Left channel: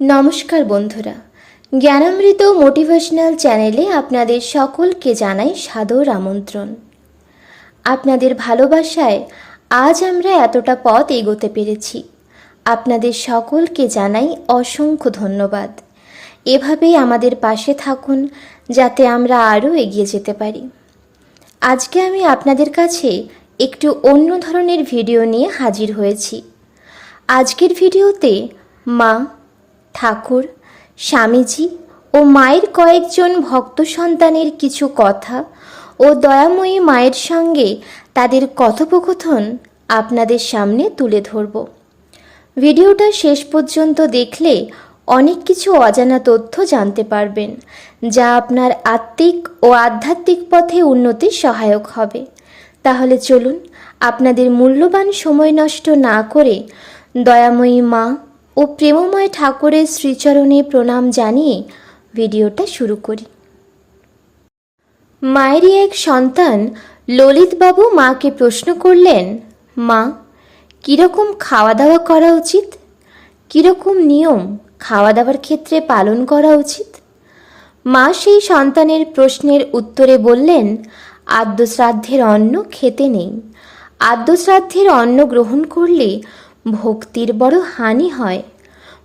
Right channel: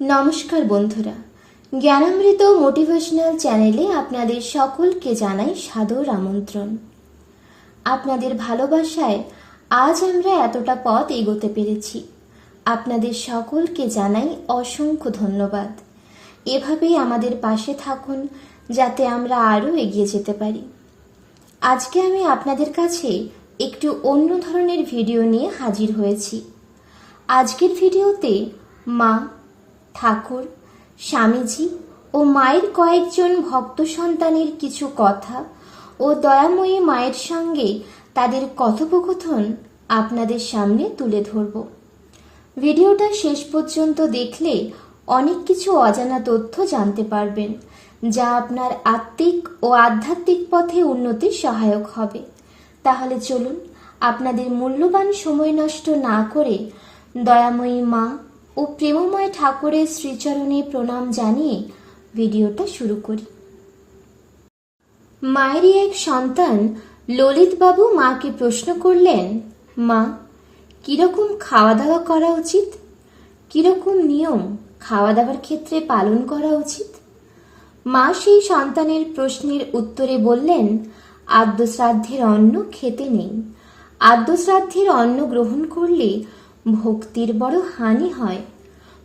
নমস্কার বন্ধুরা, জ্ঞানামৃত মোটিভেশনাল চ্যানেলে আপনাদের সকলকে জানাই সাদর আমন্ত্রণ। আপনাদের ভালোবাসায় আজ আমরা এতটা পথ এগোতে পেরেছি। আপনাদের সকলকে জানাই অসংখ্য ধন্যবাদ। এভাবেই আমাদের পাশে থাকুন যাতে আমরা আরও এগিয়ে যেতে পারি। আজকে আমি আপনাদের কাছে একটু অন্য ধরনের ভিডিও নিয়ে হাজির হয়েছি। আজকের ভিডিওতে মা, ঠাকুর, স্বামীজি ও মায়ের কয়েকজন ভক্ত সন্তানের কিছু কথা ও দয়াময়ী মায়ের সঙ্গে তাদের কথোপকথন আপনাদের সামনে তুলে ধরব। ভিডিওটা শেষ পর্যন্ত দেখলে অনেক কিছু অজানা তথ্য জানতে পারবেন, যা আপনার আত্মিক ও আধ্যাত্মিক পথে উন্নতির সহায়ক হবে। তাহলে চলুন, আপনাদের মূল্যবান সময় নষ্ট না করে দয়াময়ী মা ও প্রেমময় ঠাকুরের শ্রীচরণে প্রণাম জানিয়ে ভিডিওটা শুরু করি। মায়েরই এক সন্তান ললিতবাবু মাকে প্রশ্ন করলেন, মা, কীরকম খাওয়া দাওয়া করা উচিত? কীরকম নিয়ম খাওয়া দাওয়ার ক্ষেত্রে পালন করা উচিত? মা সেই সন্তানের প্রশ্নের উত্তরে বললেন, আদ্যশ্রাদ্ধের অন্ন খেতে নেই। আদ্যশ্রাদ্ধের অন্ন গ্রহণ করলে ভক্তির বড় হানি হয়,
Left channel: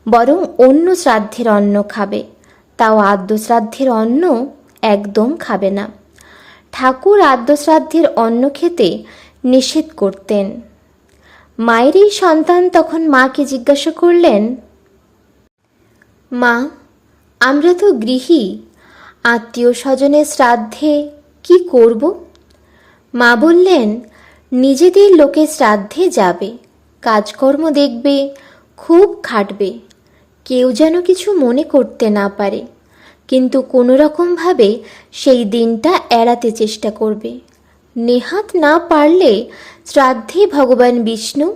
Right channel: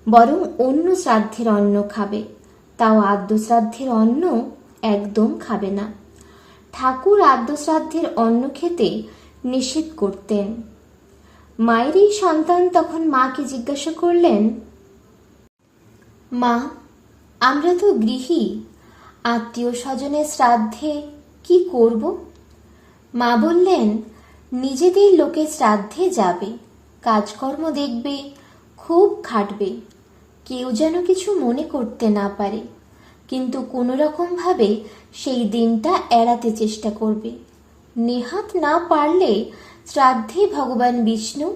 বরং অন্য শ্রাদ্ধের অন্ন খাবে, তাও আদ্যশ্রাদ্ধের অন্ন একদম খাবে না। ঠাকুর আদ্যশ্রাদ্ধের অন্ন খেতে নিষেধ করতেন। মায়ের এই সন্তান তখন মাকে জিজ্ঞাসা করলেন, মা, আমরা তো গৃহী, আত্মীয় স্বজনের শ্রাদ্ধে কি করব? মা বললেন, নিজেদের লোকের শ্রাদ্ধে যাবে, কাজকর্ম দেখবে, খুব খাটবে, কেউ যেন কিছু মনে করতে না পারে, কিন্তু কোনো রকমভাবে সেই দিনটা এড়াতে চেষ্টা করবে। নেহাত না পারলে শ্রাদ্ধে ভগবান বিষ্ণু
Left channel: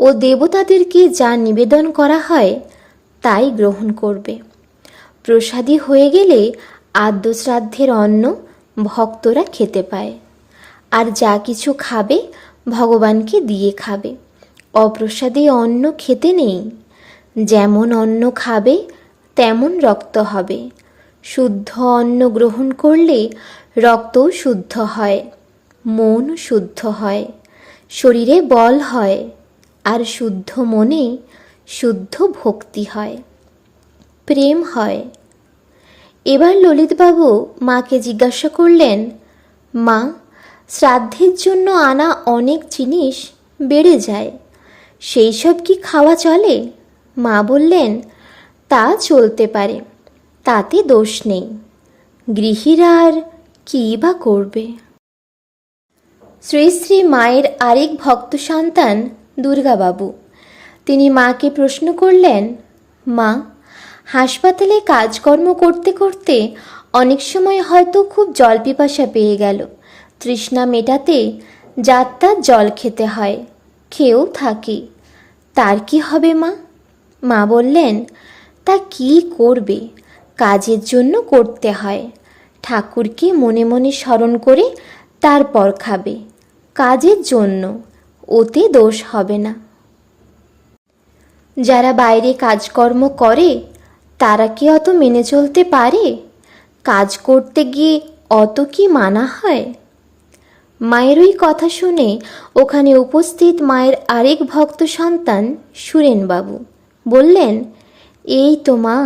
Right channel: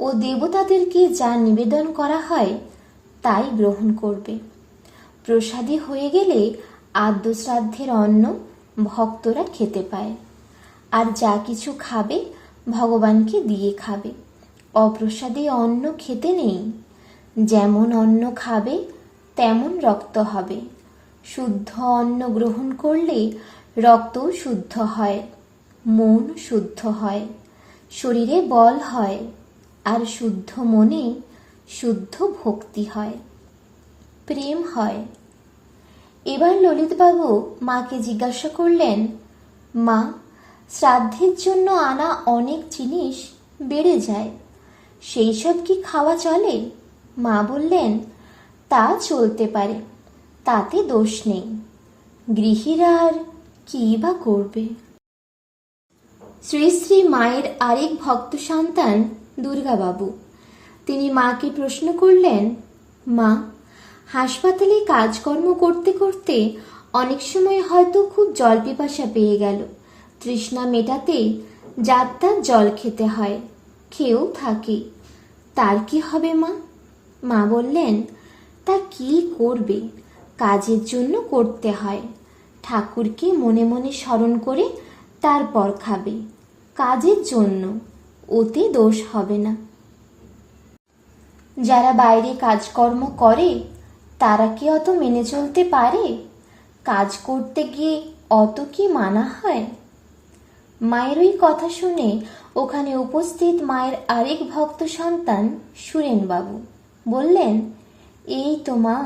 ও দেবতাদেরকে যা নিবেদন করা হয় তাই গ্রহণ করবে। প্রসাদী হয়ে গেলে আদ্যশ্রাদ্ধের অন্ন ভক্তরা খেতে পায়, আর যা কিছু খাবে ভগবানকে দিয়ে খাবে। অপ্রসাদে অন্ন খেতে নেই। যেমন অন্ন খাবে তেমন রক্ত হবে। শুদ্ধ অন্ন গ্রহণ করলে রক্তও শুদ্ধ হয়, মন শুদ্ধ হয়, শরীরে বল হয়, আর শুদ্ধ মনে শুদ্ধ ভক্তি হয়, প্রেম হয়। এবার ললিতবাবু মাকে জিজ্ঞাসা করলেন, মা, শ্রাদ্ধের জন্য আনা অনেক জিনিস বেড়ে যায়, সেই সব কি খাওয়া চলে? মা বললেন, তা চলতে পারে, তাতে দোষ নেই। গৃহীরা আর কী বা করবে? শ্রী শ্রী মায়ের আরেক ভক্ত সন্তান দুর্গাবাবু, তিনি মাকে প্রশ্ন করলেন, মা, হাসপাতালে কাজকর্ম করতে করতে অনেক সময় হয়তো খুব জল পিপাসা পেয়ে গেল, তৃষ্ণা মেটাতে যাত্রার জল খেতে হয়, খেয়েও থাকি, তার কি হবে মা? মা বললেন, তা কি করবে, কাজের জন্য করতে হয়, ঠাকুরকে মনে মনে স্মরণ করে তারপর খাবে, কাজের জন্য, ওতে দোষ হবে না। যারা বাইরে কাজকর্ম করে তারা কি অত মেনে চলতে পারে? কাজ করতে গিয়ে অত কি মানা হয়? মায়ের ওই কথা শুনে ওখানে উপস্থিত মায়ের আরেক ভক্ত সন্তান সুরেনবাবু বললেন, এই তো মা,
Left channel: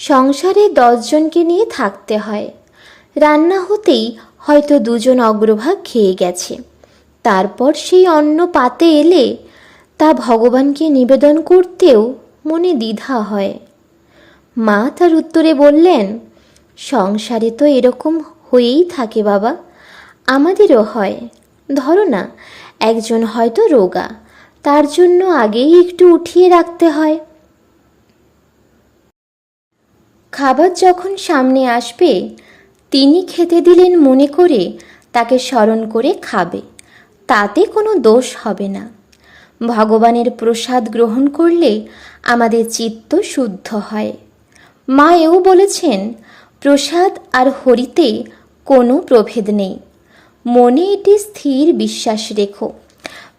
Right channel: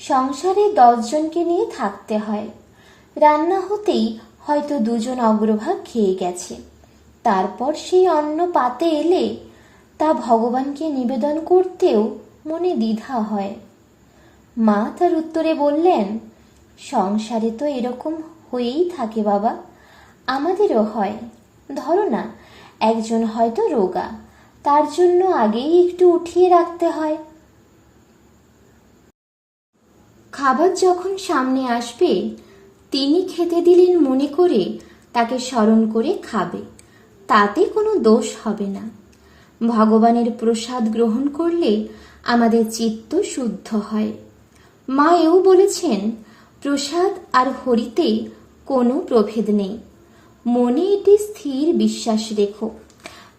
সংসারে 10 জনকে নিয়ে থাকতে হয়, রান্না হতেই হয়তো 2 জন অগ্রভাগ খেয়ে গেছে, তারপর সেই অন্ন পাতে এলে তা ভগবানকে নিবেদন করতেও মনে দ্বিধা হয়। মা তার উত্তরে বললেন, সংসারে তো এরকম হয়েই থাকে বাবা, আমাদেরও হয়। ধরো না, একজন হয়তো রোগা, তার জন্য আগেই একটু উঠিয়ে রাখতে হয়। খাবার যখন সামনে আসবে তিনি খেতে দিলেন মনে করে তাকে স্মরণ করে খাবে, তাতে কোনো দোষ হবে না। ভগবানের প্রসাদ গ্রহণ করলে আমাদের চিত্ত শুদ্ধ হয়। মা এও বলেছেন, প্রসাদ আর হরিতে কোনো প্রভেদ নেই, মনে এটি স্থির বিশ্বাস রেখো।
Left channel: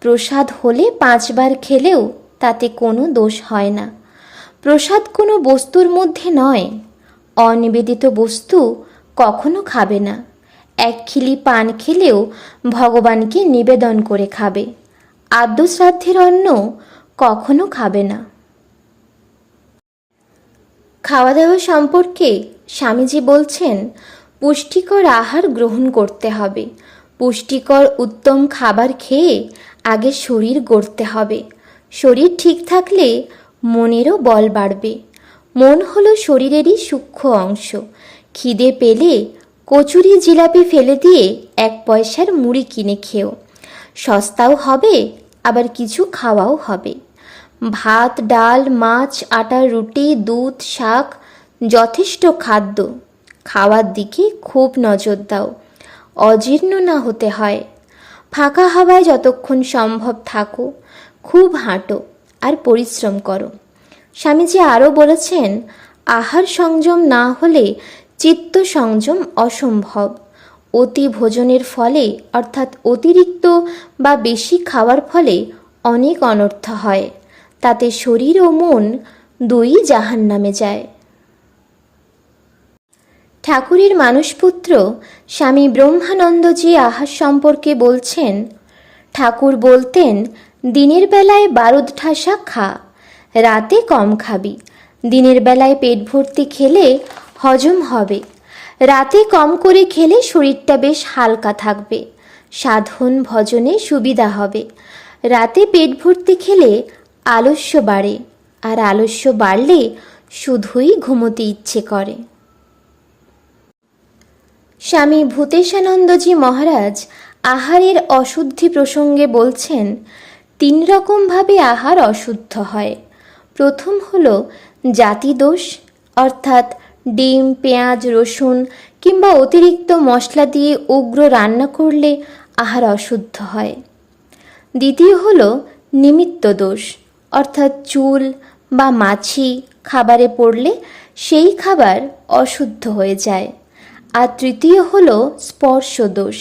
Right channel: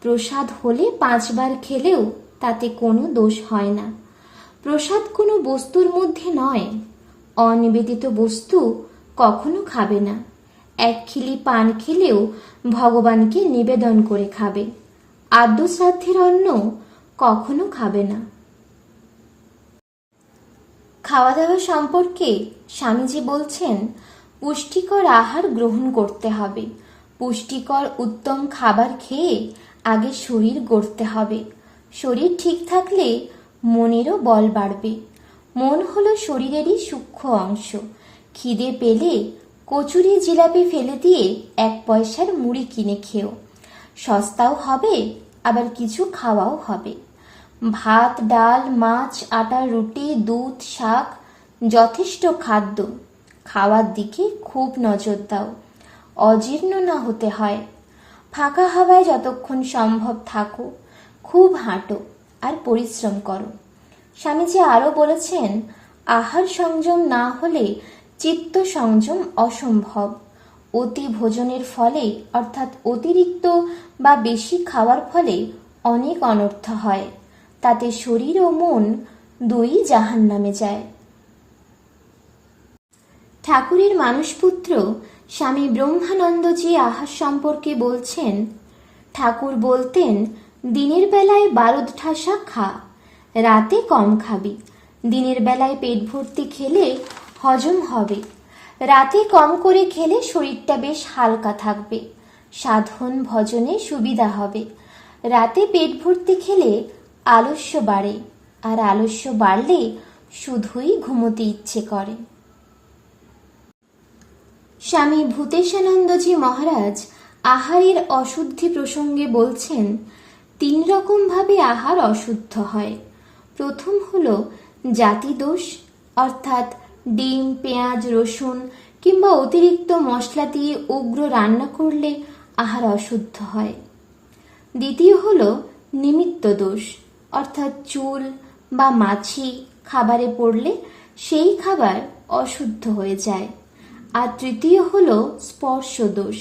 প্রসাদ হলে 5 বার খেলেও তাতে কোনো দোষ হয় না। প্রসাদ কোনো বস্তুর মধ্যে নয়। অনিবেদিত বস্তু কখনো খাবে না। এক খিলি পান খেলেও ভগবানকে নিবেদন করে খাবে। আদ্য শ্রাদ্ধের অন্ন কখনো খাবে না। খাওয়া দাওয়া সম্পর্কে স্বামীজি বলছেন, পুষ্টিকর আহার গ্রহণ করতে হবে। পুষ্টিকর উত্তম খাবার খেয়ে আগে শরীর গড়তে হবে। শরীর ঠিক থাকলে মনেরও বল বাড়বে। মন হলো শরীরেরই সূক্ষ্ম অংশ। খিদে পেলে কচুরি জিলাপি ফেলে দিয়ে 1 পয়সার মুড়ি কিনে খেও। সস্তাও হবে, আবার কিছু খাওয়াও হবে। ভাত, ডাল, মাছ, আটার রুটি, দুধ, শাক যথেষ্ট খাদ্য। খাওয়ার দিকে খুব নজর দাও, অজীর্ণ না হতে হয়। ফাঁকা হাওয়ায় যতক্ষণ সম্ভব থাকো, খুব হাঁটো আর পরিশ্রম করো। স্বামীজি আরও বলেছেন, আহার সংযম না হলে চিত্ত সংযম অসম্ভব। অতি ভোজনের ফলে অর্থাৎ অতিরিক্ত বা বেশি খাওয়ার ফলে অনেক অনর্থ হয়। তাতে শরীর ও মন দুই জাহান্নামে যায়। ঠাকুরের মানসপুত্র স্বামী ব্রহ্মানন্দজি আহার সম্পর্কে বলছেন, ঠাকুর বলতেন, দিনের বেলায় বারুদ ঠাসা খা, রাতে কম খাবি। দিনের বেলায় পেট ভর্তি খেলে হজম হবে, রাতে কম করে খেলে শরীরটা বেশ হালকা থাকবে, সাধন ভজনে সুবিধা হবে। রাতে পেট ভর্তি খেলে আলস্য বাড়ে, আর আলস্য বাড়লে শুধুই ঘুমোতে ইচ্ছে করে। স্বামী ভূতেশানন্দজি মহারাজ আহারের অশুদ্ধি প্রসঙ্গে বলছেন, 3 রকমভাবে আহার অশুদ্ধ হয়। প্রথম হলো জাতি দোষ, অর্থাৎ ডিম, পেঁয়াজ, রসুন কিংবা অতিরিক্ত মশলা দিয়ে উগ্র রান্না করলে আহার অশুদ্ধ হয়। দ্বিতীয় হলো নিমিত্ত দোষ, অর্থাৎ চুল বা মাছি খাবারে পড়লে সেই খাবার অশুদ্ধ হয়ে যায়। আর তৃতীয় হলো স্পর্শ দোষ,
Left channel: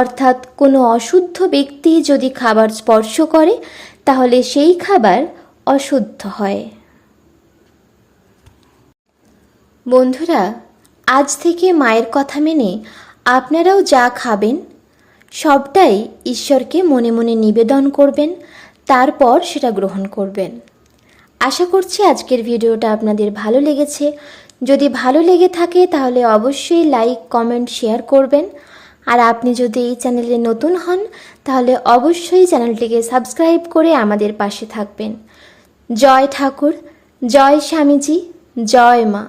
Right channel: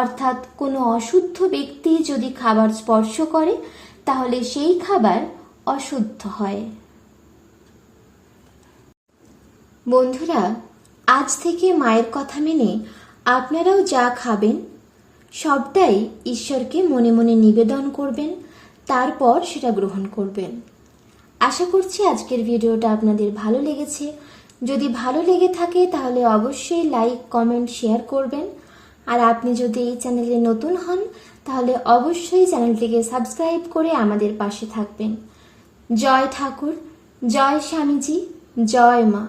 অর্থাৎ কোনো অশুদ্ধ ব্যক্তি যদি খাবার স্পর্শ করে তাহলে সেই খাবার অশুদ্ধ হয়। বন্ধুরা, আজ থেকে মায়ের কথা মেনে আপনারাও যা খাবেন সবটাই ঈশ্বরকে মনে মনে নিবেদন করবেন, তারপর সেটা গ্রহণ করবেন। আশা করছি আজকের ভিডিওটা আপনাদের ভালো লেগেছে। যদি ভালো লেগে থাকে তাহলে অবশ্যই লাইক, কমেন্ট, শেয়ার করবেন। আর আপনি যদি এই চ্যানেলে নতুন হন তাহলে অবশ্যই চ্যানেলটিকে সাবস্ক্রাইব করে আমাদের পাশে থাকবেন। জয় ঠাকুর, জয় স্বামীজি, জয় মা।